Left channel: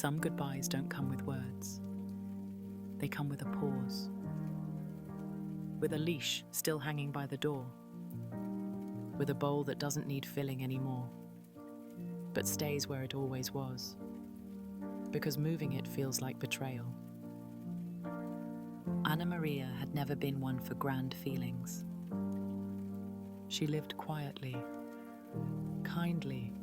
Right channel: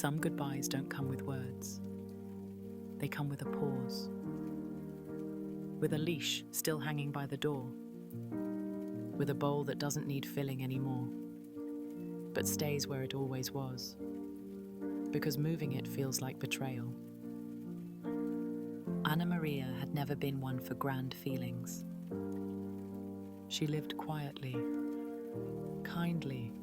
Some goodbyes don't come with words. They come with a pause. With a leash still hanging by the door. With a bowl that doesn't need filling anymore, but stays where it always was. Because moving it feels like betrayal. Ana María had never been one for grand feelings. She lived quietly, kindly,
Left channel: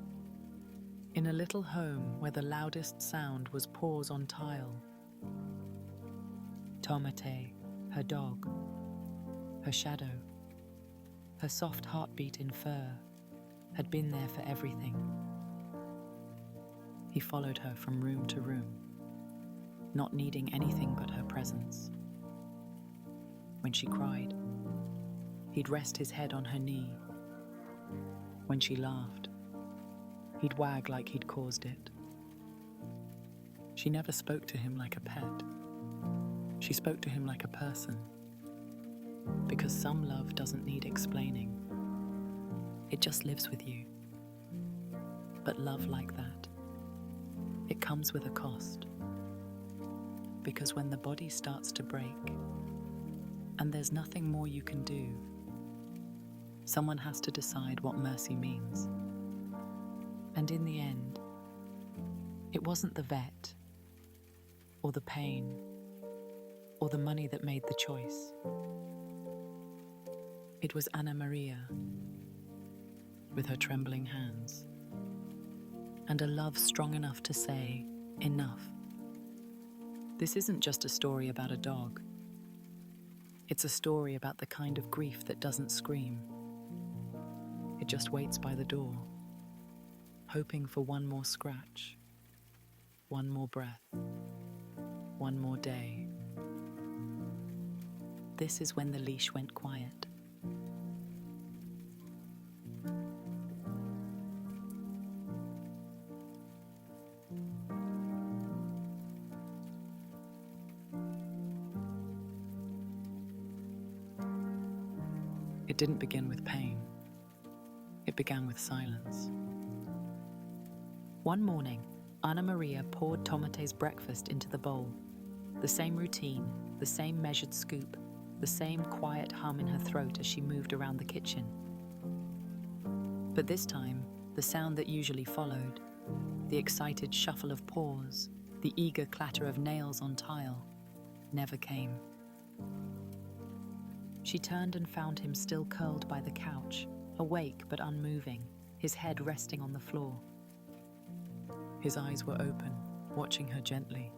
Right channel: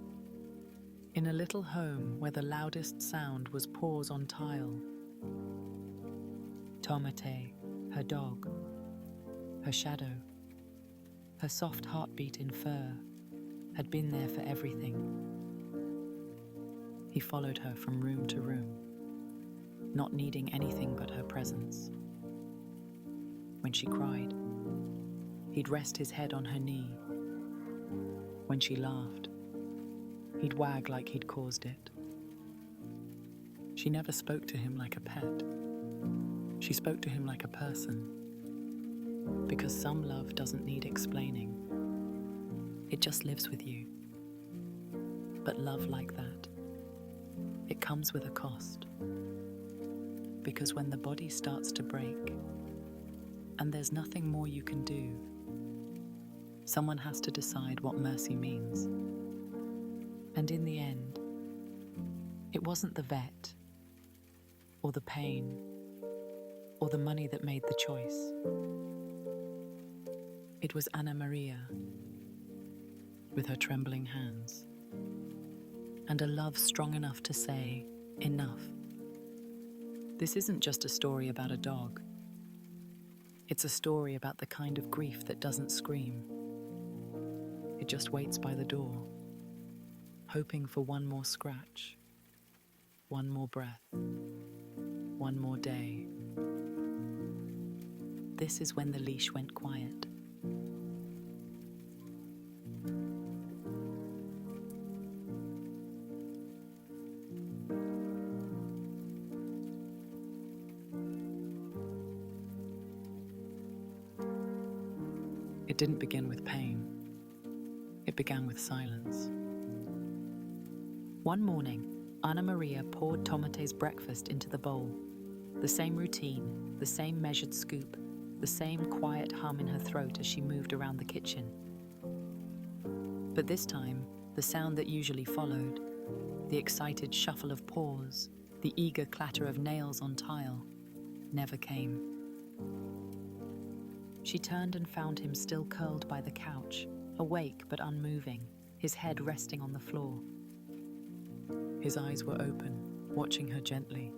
in a little home where the loudest sound was paws on tile. Tomate, her dog, her shadow, her soft heartbeat in fur, had been there for everything. He followed her from room to room, not needing anything but her presence. When she cried, he'd rest his head on her knee. When she laughed, he'd wag like he'd caused it. She never spoke to him like a pet. She spoke to him like a person. Because some love doesn't need explaining. It just lives with you. But love like that, it comes with a cost. Because when the body starts to break, and there's nothing more you can do, someone has to decide what mercy means. And in the end, it wasn't the vet, or the pain, or the money that made the choice. It was Ana María, with her trembling hands, and a love strong enough to say, enough. This isn't just a story about a dog. It's a story about the kind of grief that doesn't scream. It just waits by the door, hoping for one more scratch, one more breath, one more day. This is when the leash went quiet. It didn't begin with pain. It began with silence. One morning, Ana María poured Tomate's breakfast into the bowl. The same routine, the same measured scoop, the same quiet hum in her throat as she moved around the kitchen. But this time, the sound that usually followed, the excited shuffle of paws, the eager clatter of nails on tile, never came. She turned and found him still curled by the couch, awake but unmoving, his head resting on the floor. His eyes were open, watching her gently,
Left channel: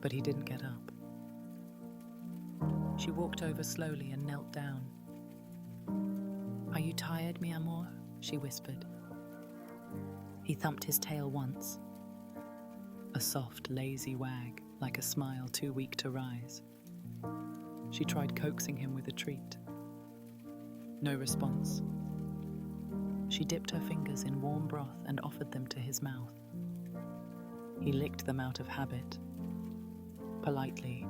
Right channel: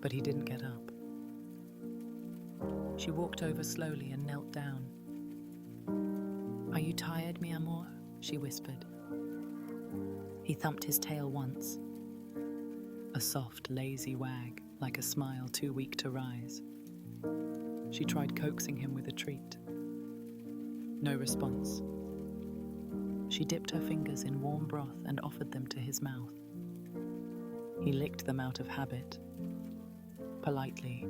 but he didn't get up. She walked over slowly and knelt down. "Are you tired, mi amor?" she whispered. He thumped his tail once, a soft, lazy wag, like a smile too weak to rise. She tried coaxing him with a treat. No response. She dipped her fingers in warm broth and offered them to his mouth. He licked them out of habit, politely,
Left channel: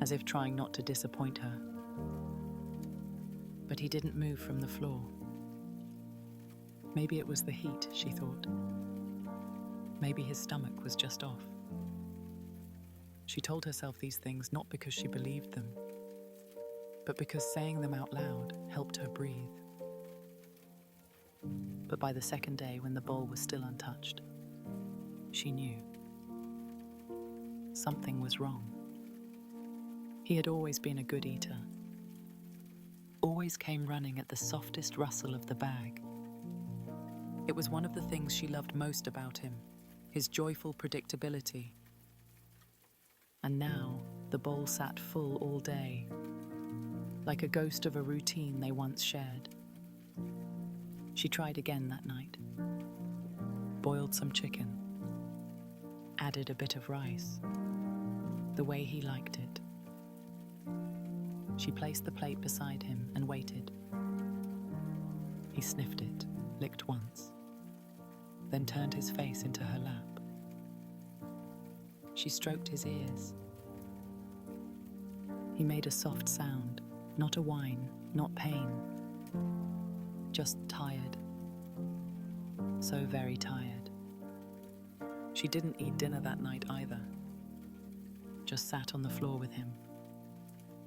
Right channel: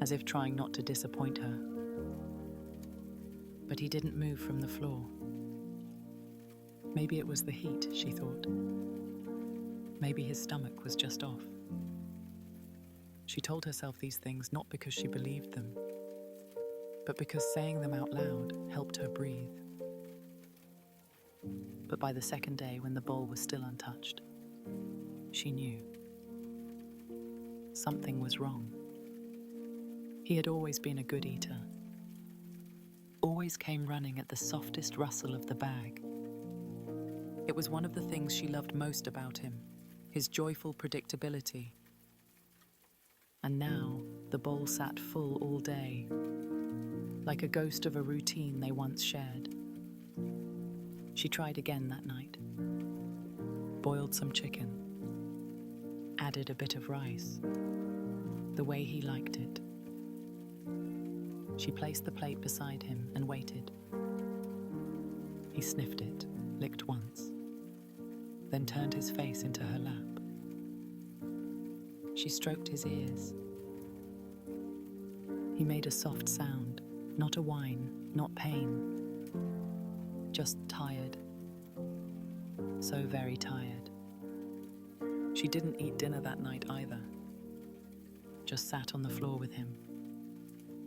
as if trying not to disappoint her. But he didn't move from the floor. Maybe it was the heat, she thought. Maybe his stomach was just off. She told herself these things not because she believed them, but because saying them out loud helped her breathe. But by the second day, when the bowl was still untouched, she knew. Something was wrong. He had always been a good eater. Always came running at the softest rustle of the bag. It was one of the things she loved most about him, his joyful predictability. And now, the bowl sat full all day, like a ghost of a routine they once shared. She tried again that night. Boiled some chicken. Added a bit of rice, the way he liked it. She placed the plate beside him and waited. He sniffed it, licked once, then turned his face into her lap. She stroked his ears. He made a soft sound, not a whine, not pain, just tired. So very tired. She She didn't eat dinner that night either. Just sat on the floor with him,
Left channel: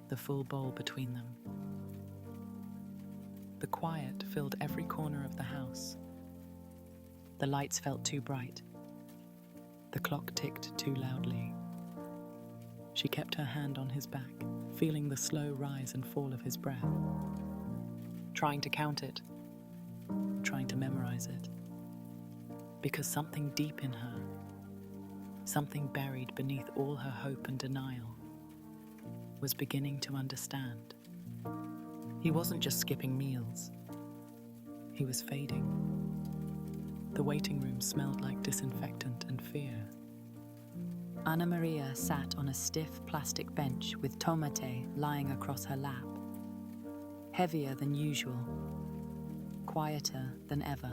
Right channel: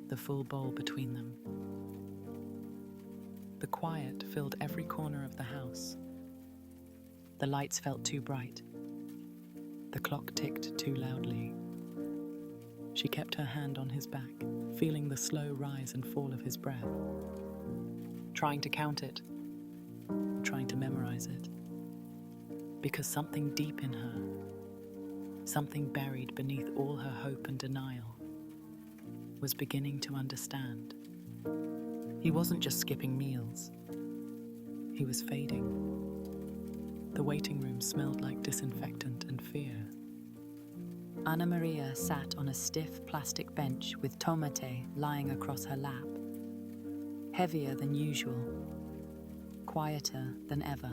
the full bowl between them. The quiet filled every corner of the house. The lights felt too bright. The clock ticked too loudly. She kept her hand on his back, feeling the slow rise and fall of his breath. Trying to count it, trying to memorize it. Because something deep in her, something buried beneath all her hope and denial, was beginning to understand. He wasn't just skipping meals. He was fading. The waiting room smelled like disinfectant and fear. Ana María sat on a stiff plastic bench with Tomate lying across her lap. Heavier than usual, quieter than ever.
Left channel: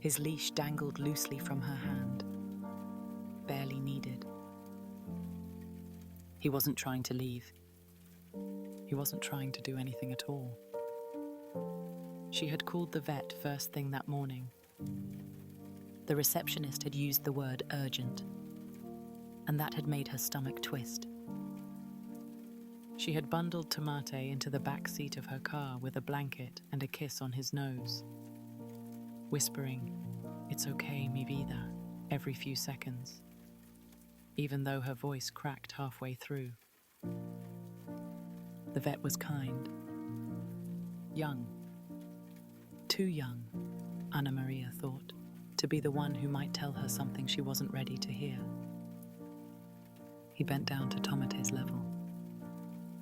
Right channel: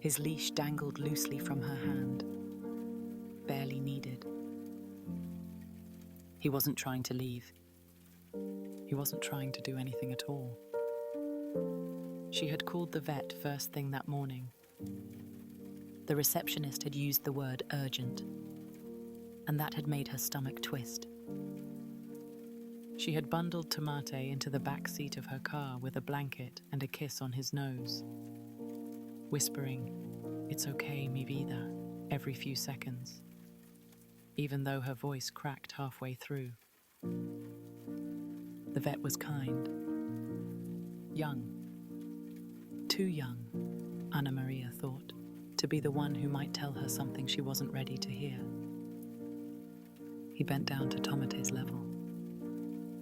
His leash dangled loosely from her hand, barely needed. He wasn't trying to leave. He wasn't trying to do anything at all. She had called the vet first thing that morning. The receptionist had used the word urgent, and that had made her stomach twist. She had bundled Tomate into the back seat of her car with a blanket and a kiss on his nose, whispering, "It's okay, mi vida," every few seconds, even though her voice cracked halfway through. The vet was kind. Young. Too young, Ana María thought, to be the one who might tell her something she wasn't ready to hear. He bent down to Tomate's level,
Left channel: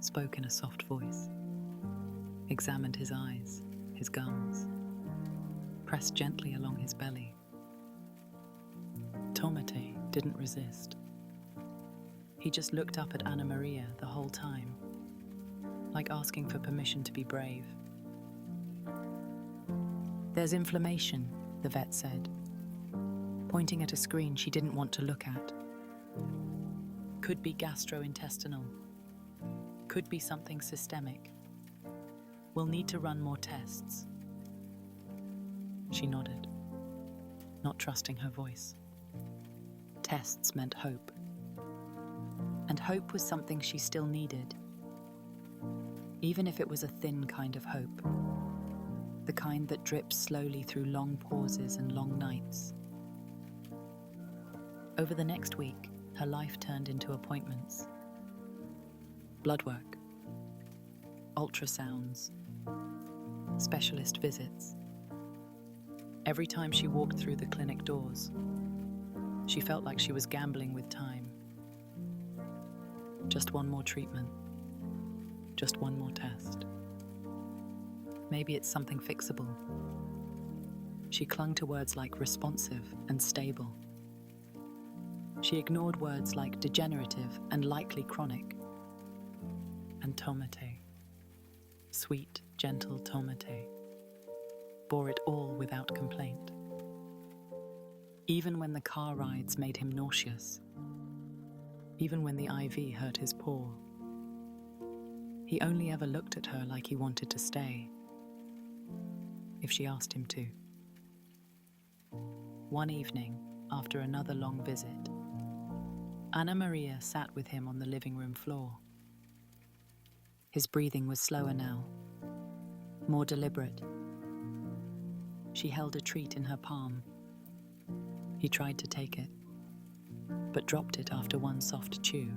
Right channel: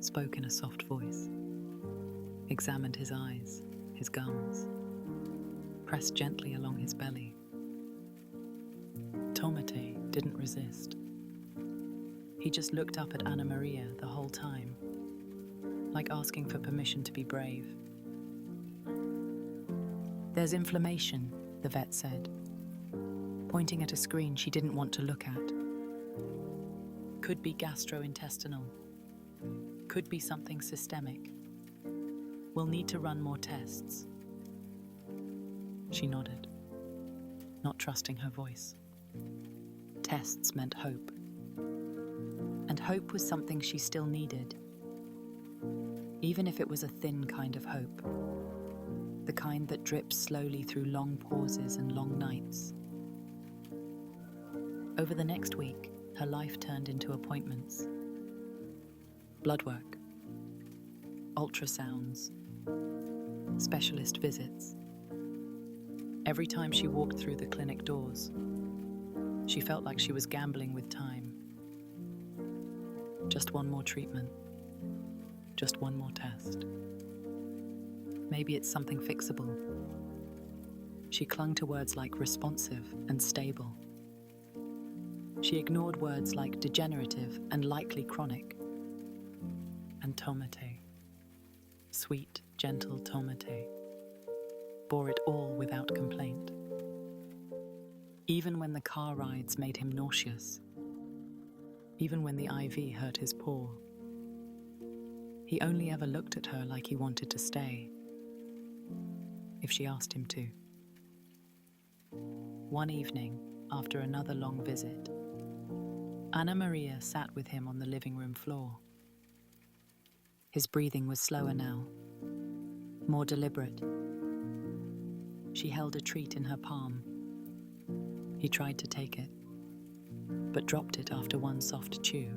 spoke in a soft voice, examined his eyes, his gums, pressed gently along his belly. Tomate didn't resist. He just looked up at Ana María the whole time, like asking for permission to be brave. "There's inflammation," the vet said, pointing at a screen she didn't want to look at. "Could be gastrointestinal. Could be something systemic. We'll need to run more tests." She nodded, not trusting her voice. Tests meant hope. And hope was something she still needed. Even if it was a thin kind of hope. The kind that drips slowly through long pauses and long nights. Over the next week, her life turned into appointments. Blood work, ultrasounds, specialist visits. Every time she walked through the clinic doors, she felt like she was gambling with time. Just one more treatment, just one more test. Maybe it's something fixable. She clung to words like responsive and stable. She ignored words like degenerative and likely chronic. And Tomate, sweet, gentle Tomate, bore it all without complaint. Even when the car rides made him nauseous, even when the IV hurt his paw, he only ever looked at her like he wanted to stay, if she asked him to. One evening, after another long visit, Ana María sat with him on the living room floor. His breathing was slower now, more deliberate. She held a treat in her palm. He tried to take it, but dropped it after one soft chew.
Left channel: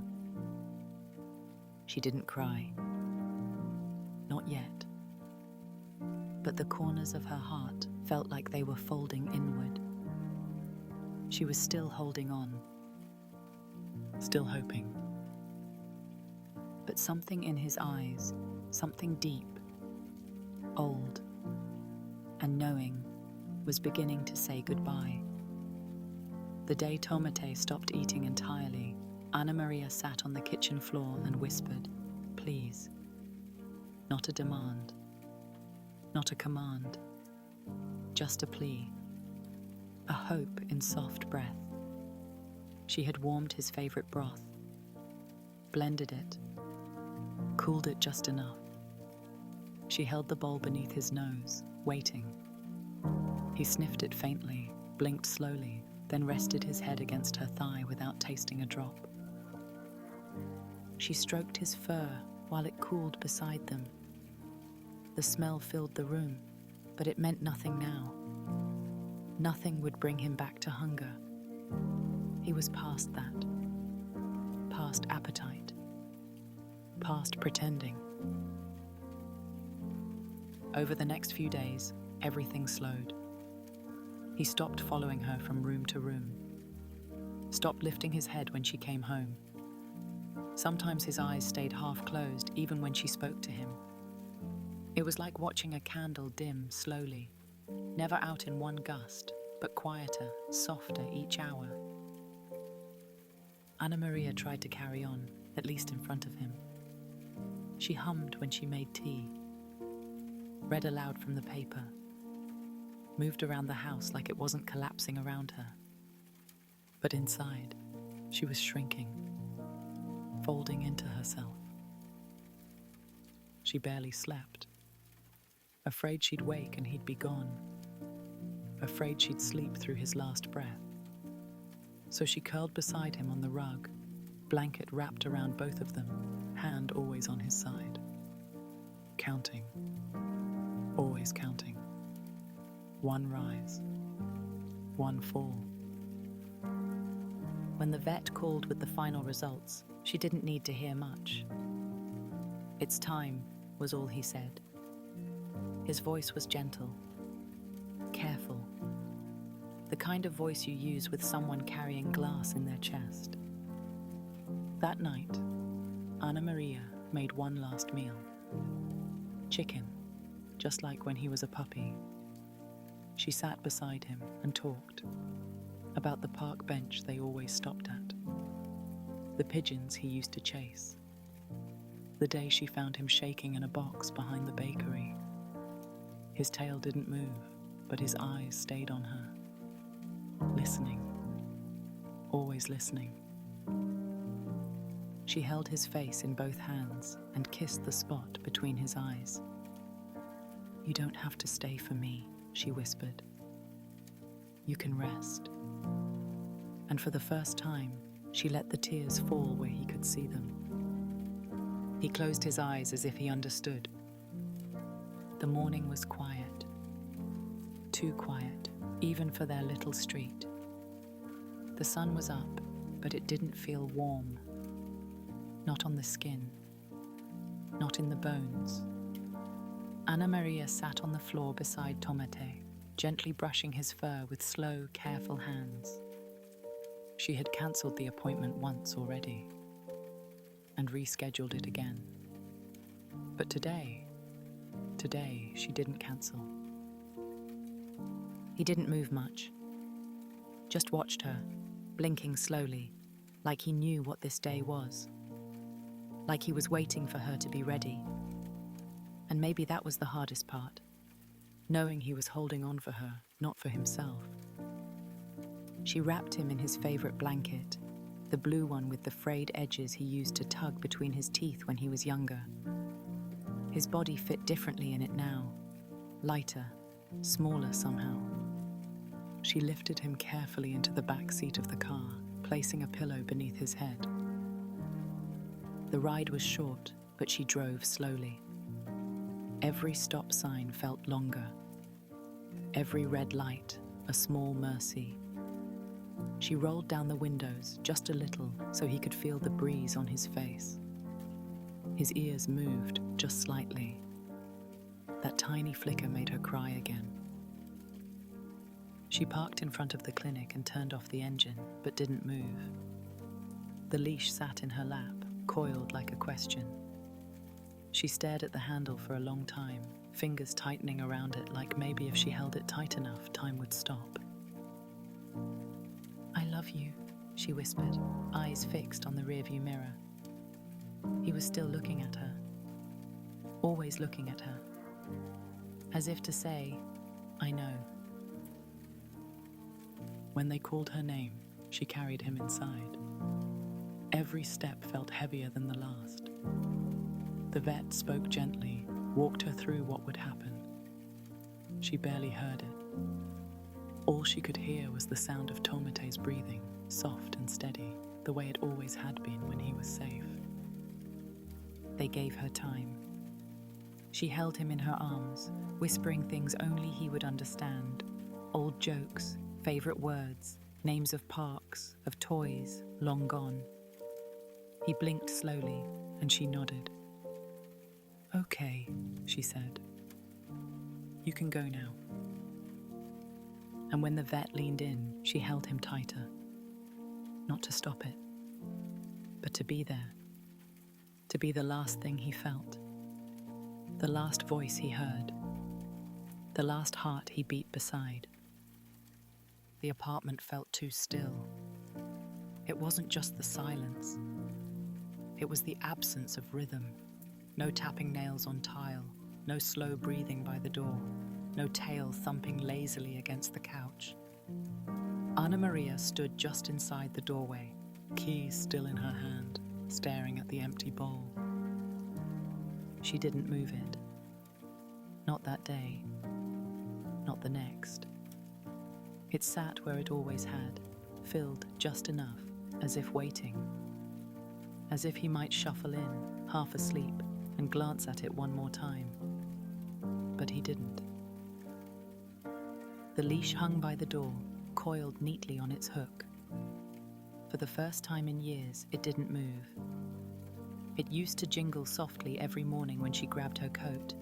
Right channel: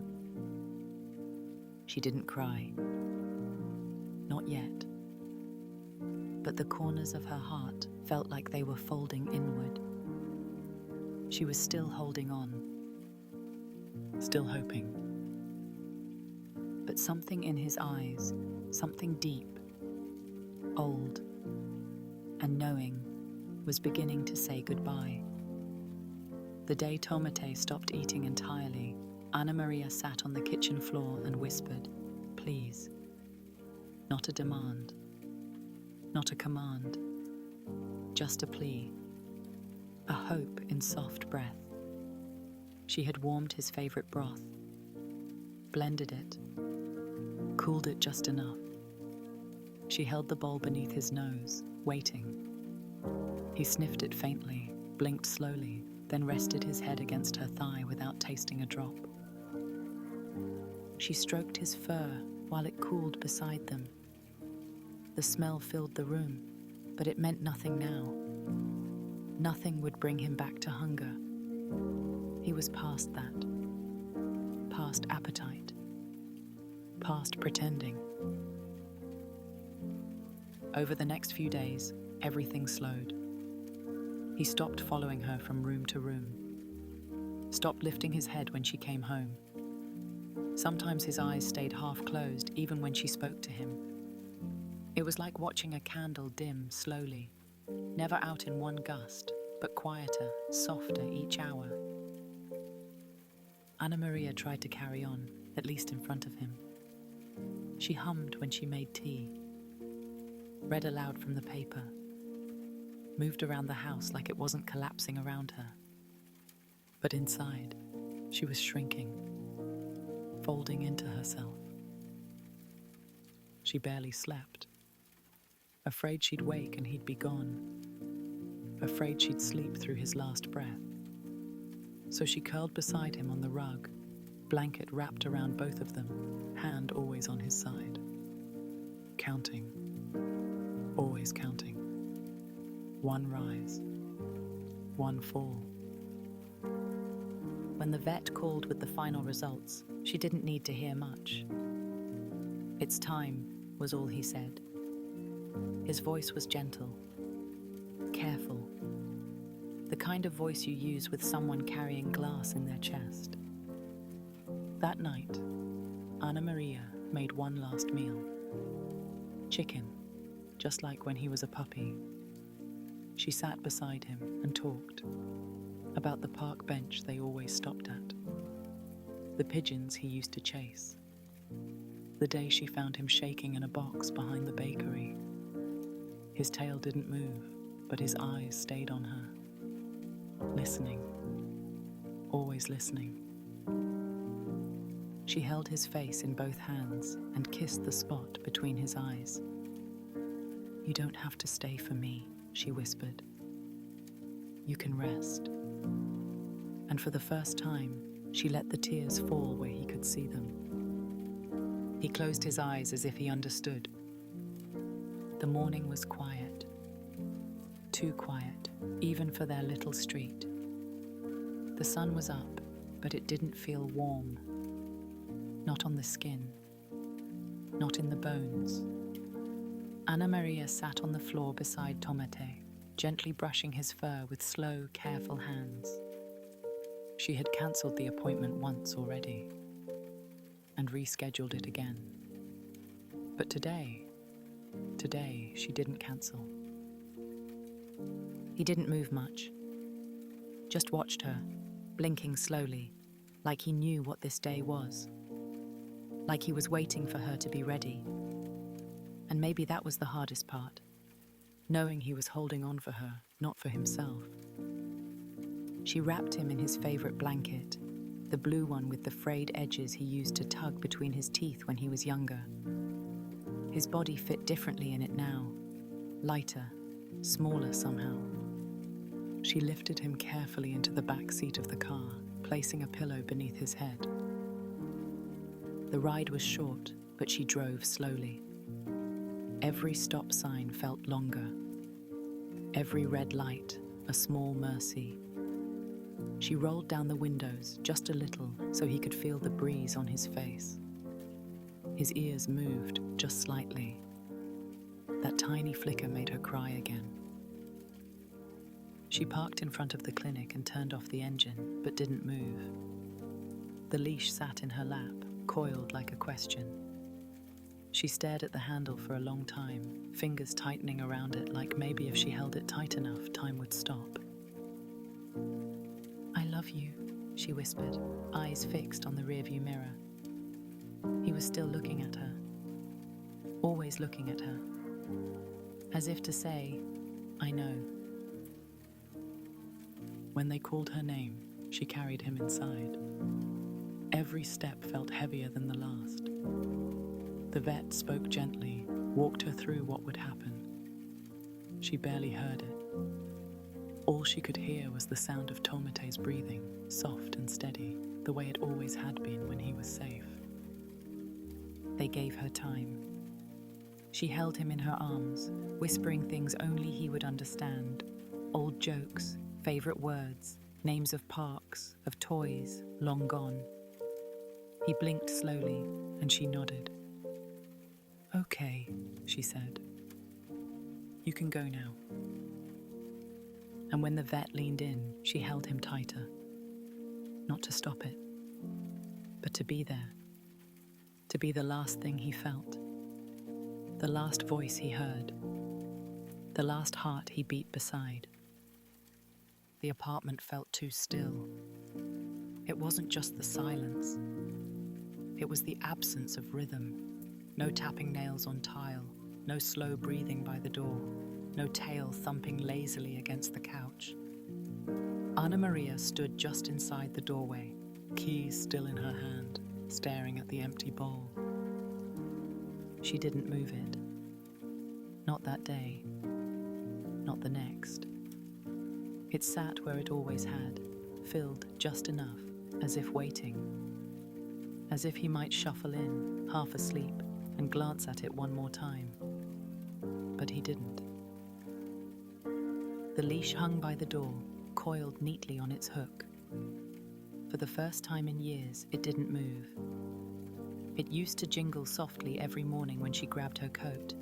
She didn't cry. Not yet. But the corners of her heart felt like they were folding inward. She was still holding on, still hoping. But something in his eyes, something deep, old, and knowing, was beginning to say goodbye. The day Tomate stopped eating entirely, Ana María sat on the kitchen floor and whispered, "Please." Not a demand. Not a command, just a plea, a hope in soft breath. She had warmed his favorite broth, blended it, cooled it just enough. She held the bowl beneath his nose, waiting. He sniffed it faintly, blinked slowly, then rested his head against her thigh without tasting a drop. She stroked his fur while it cooled beside them. The smell filled the room, but it meant nothing now. Nothing would bring him back to hunger. He was past that. Past appetite. Past pretending. Over the next few days, everything slowed. He stopped following her from room to room. Stopped lifting his head when she came home. Sometimes his eyes stayed half closed even when she spoke to him. It was like watching a candle dim slowly, never out in one gust, but quieter, softer each hour. Ana María tried to carry on, at least in front of him. She hummed when she made tea, read aloud from the paper, moved around the house like it wasn't collapsing around her. But inside, she was shrinking, folding into herself. She barely slept, afraid she'd wake and he'd be gone, afraid she'd sleep through his last breath. So she curled beside him on the rug, blanket wrapped around both of them, hand always on his side. Counting, always counting. One rise, one fall. When the vet called with the final results, she didn't need to hear much. "It's time," was all he said. His voice was gentle, careful, the kind of voice you use with someone carrying glass in their chest. That night, Ana María made one last meal. Chicken, just like when he was a puppy. She sat beside him and talked about the park bench they always stopped at, the pigeons he used to chase, the day she found him shaking in a box behind the bakery. His tail didn't move, but his eyes stayed on her, listening, always listening. She held his face in both hands and kissed the spot between his eyes. "You don't have to stay for me," she whispered. "You can rest." And for the first time, she let the tears fall where he could see them. He closed his eyes as if he understood. The morning was quiet. Too quiet, even for their little street. The sun was up, but it didn't feel warm. Not on the skin. Not in the bones. Ana María sat on the floor beside Tomate, gently brushing his fur with slow, careful hands. She had cancelled the appointment once already, and rescheduled it again. But today she didn't cancel. He didn't move much, just watched her, blinking slowly, like he knew what this day was, like he was waiting for her to be ready. And maybe that was the hardest part, knowing he was holding on for her, not for himself. She wrapped him in his favorite blanket, the blue one with the frayed edges he used to tug between his teeth when he was younger. His body fit differently in it now, lighter, smaller somehow. She lifted him carefully into the back seat of the car, placing a pillow beneath his head. The ride was short, but she drove slowly. Every stop sign felt longer. Every red light, a small mercy. She rolled down the windows just a little so he could feel the breeze on his face. His ears moved just slightly. That tiny flicker made her cry again. She parked in front of the clinic and turned off the engine, but didn't move. The leash sat in her lap, coiled like a question. She stared at the handle for a long time, fingers tightening around it like maybe if she held it tight enough, time would stop. "I love you," she whispered, eyes fixed on the rearview mirror. He was still looking at her, always looking at her, as if to say, "I know." When they called her name, she carried him inside. Every step felt heavier than the last. The vet spoke gently, walked her through what would happen. She barely heard it. All she could hear was the sound of Tomate's breathing, soft and steady, the way it always had been when he was safe. They gave her time. She held him in her arms, whispering things only he would understand. Old jokes, favorite words, names of parks, of toys, long gone. He blinked slowly, and she nodded. "Okay," she said. "You can go now." And when the vet leaned in, she held him tighter. Not to stop it, but to be there. To be the last thing he felt. The last voice he heard. The last heart he beat beside. The apartment felt too still. It wasn't just the silence. It was the absence of rhythm. No tapping nails on tile, no slow breathing by the door, no tail thumping lazily against the couch. Ana María stood just inside the doorway, keys still in her hand, staring at the empty bowl. She didn't move it. Not that day. Not the next. It sat where it always had, filled just enough, as if waiting. As if he might shuffle in, half asleep, and glance at it one more time. But he didn't. The leash hung by the door, coiled neatly on its hook. For the first time in years, it didn't move. It used to jingle softly every morning when she grabbed her coat.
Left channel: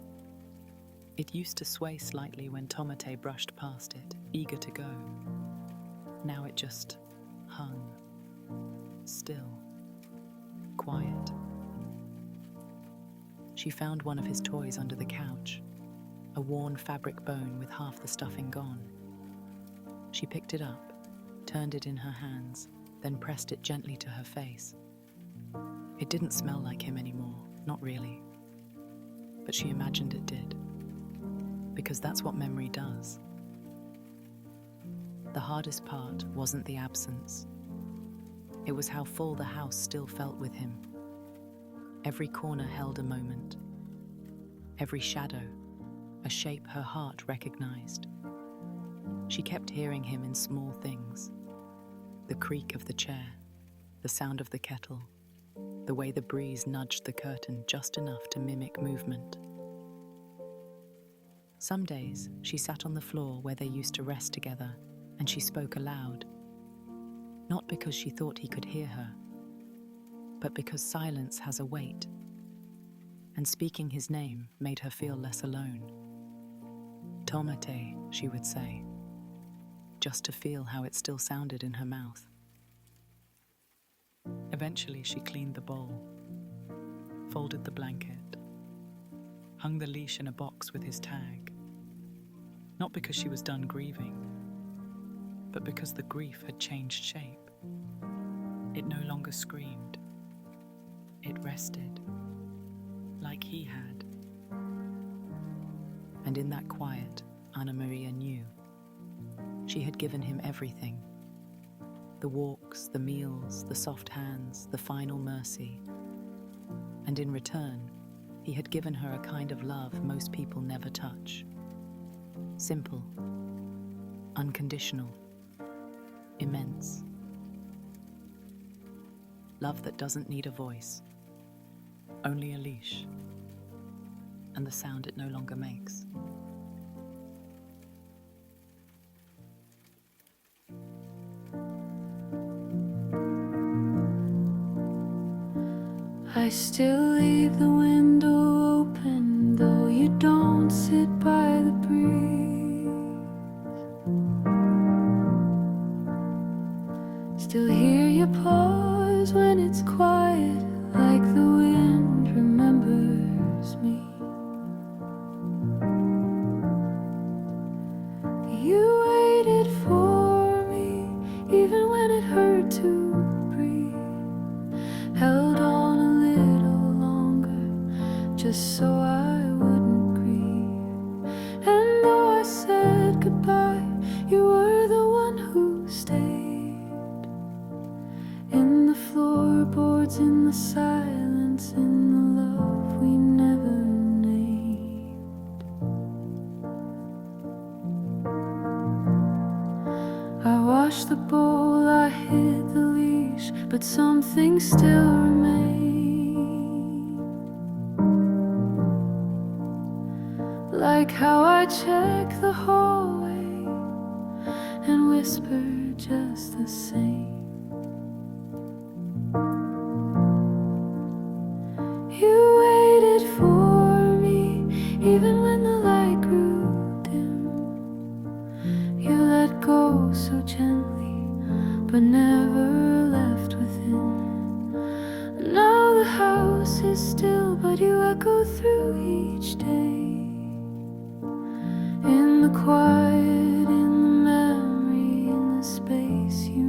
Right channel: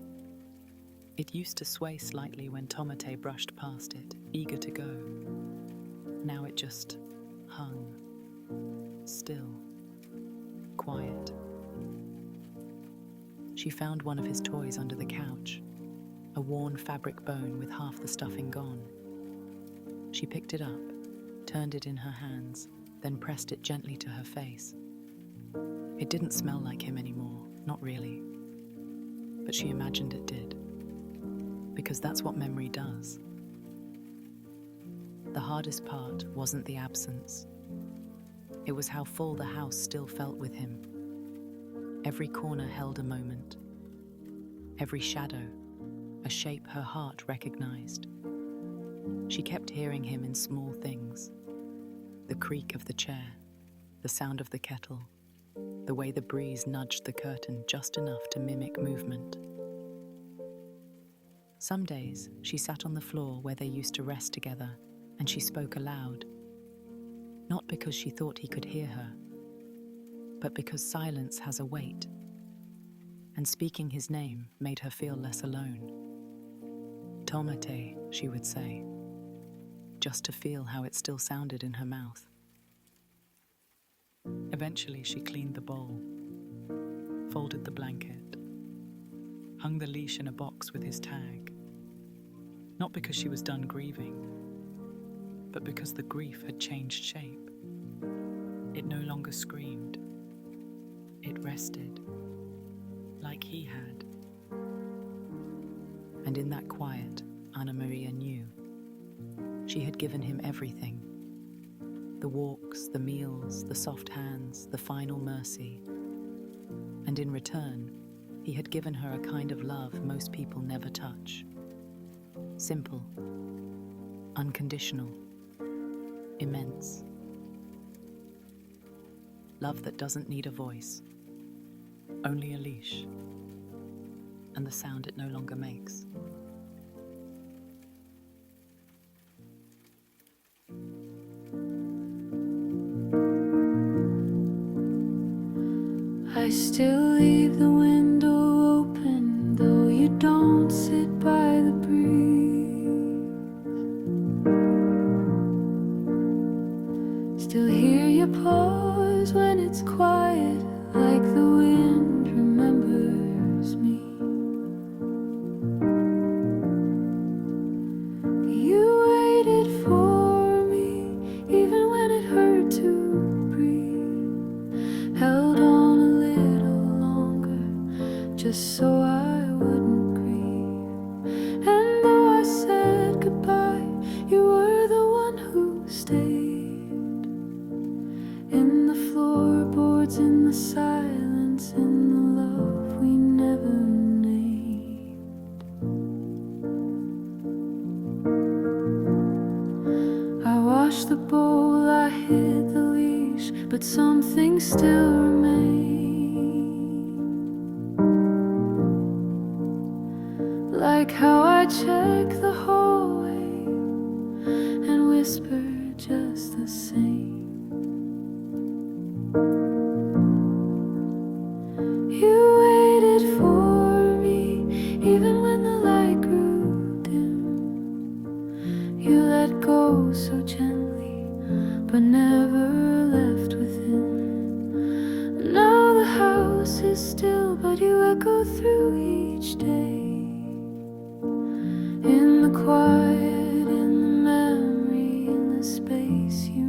It used to sway slightly when Tomate brushed past it, eager to go. Now it just hung, still, quiet. She found one of his toys under the couch, a worn fabric bone with half the stuffing gone. She picked it up, turned it in her hands, then pressed it gently to her face. It didn't smell like him anymore, not really. But she imagined it did. Because that's what memory does. The hardest part wasn't the absence. It was how full the house still felt with him. Every corner held a moment. Every shadow, a shape her heart recognized. She kept hearing him in small things. The creak of the chair, the sound of the kettle, the way the breeze nudged the curtain just enough to mimic movement. Some days, she sat on the floor where they used to rest together, and she spoke aloud. Not because she thought he could hear her, but because silence has a weight, and speaking his name made her feel less alone. Tomate, she would say, just to feel how it still sounded in her mouth. Eventually, she cleaned the bowl, folded the blanket, hung the leash in a box with his tag. Not because she was done grieving, but because the grief had changed shape. It no longer screamed. It rested, like he had. And in that quiet, Ana María knew. She had given him everything. The walks, the meals, the soft hands, the final mercy. And in return, he had given her a kind of love most people never touch. Simple, unconditional, immense. Love that doesn't need a voice, only a leash, and the sound it no longer makes. I still leave the window open, though you don't sit by the breeze. Still hear you pause when it's quiet, like the wind remembers me. You waited for me, even when it hurt to breathe. Held on a little longer, just so I wouldn't grieve. And though I said goodbye, you were the one who stayed. In the floorboards, in the silence, in the love we never named. washed the bowl, I hid the leash, but something still remained. Like how I check the hallway and whisper just the same. You waited for me even when the light grew dim. You let go so gently, but never left within. Now the house is still, but you echo through each day. In the quiet, in the memory, in the space you